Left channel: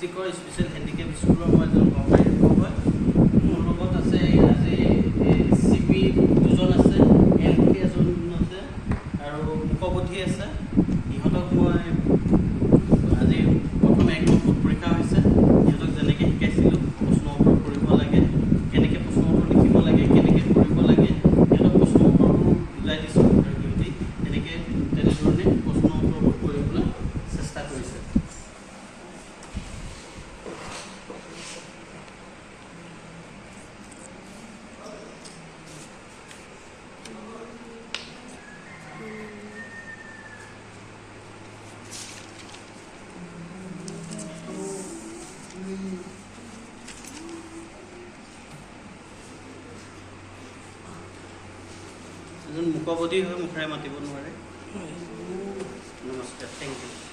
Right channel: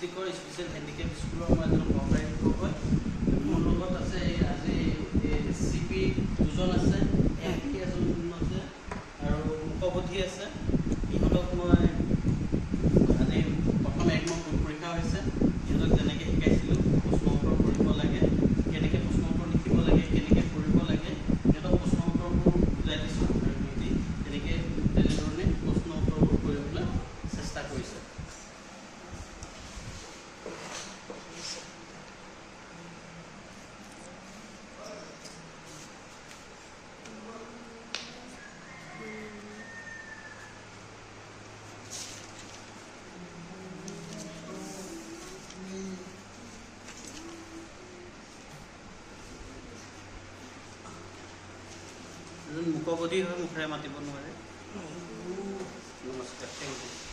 ডিষ্ট্ৰিক্টৰ special handicap স্কুলৰ মই এজন সহকাৰী শিক্ষক হয়। মোৰ লগত আছে আজি CP দুজন আছে, MP এজন আছে আৰু মুখবধি আছে। ইহঁতক মই আজি প্ৰথম 1 নম্বৰ ফুট পৰীক্ষা হৈছে। ইহঁতক যেনেকৈ শিকাইছিলোঁ প্ৰশ্ন উত্তৰ কৰিব লাগে, কেনেকৈ প্ৰশ্ন উত্তৰ লিখিব লাগে, কেনেকৈ কৰিব লাগে, সিহঁতক প্ৰশ্ন উত্তৰবোৰ বুজাই দিছোঁ আৰু সিহঁতি তেনেধৰণে প্ৰশ্ন উত্তৰবোৰ কৰিবলৈ চেষ্টা কৰিছে। মুখবধি হৈ মুখেৰে মাতিব নোৱাৰে। নমস্কাৰ, থেংক ইউ।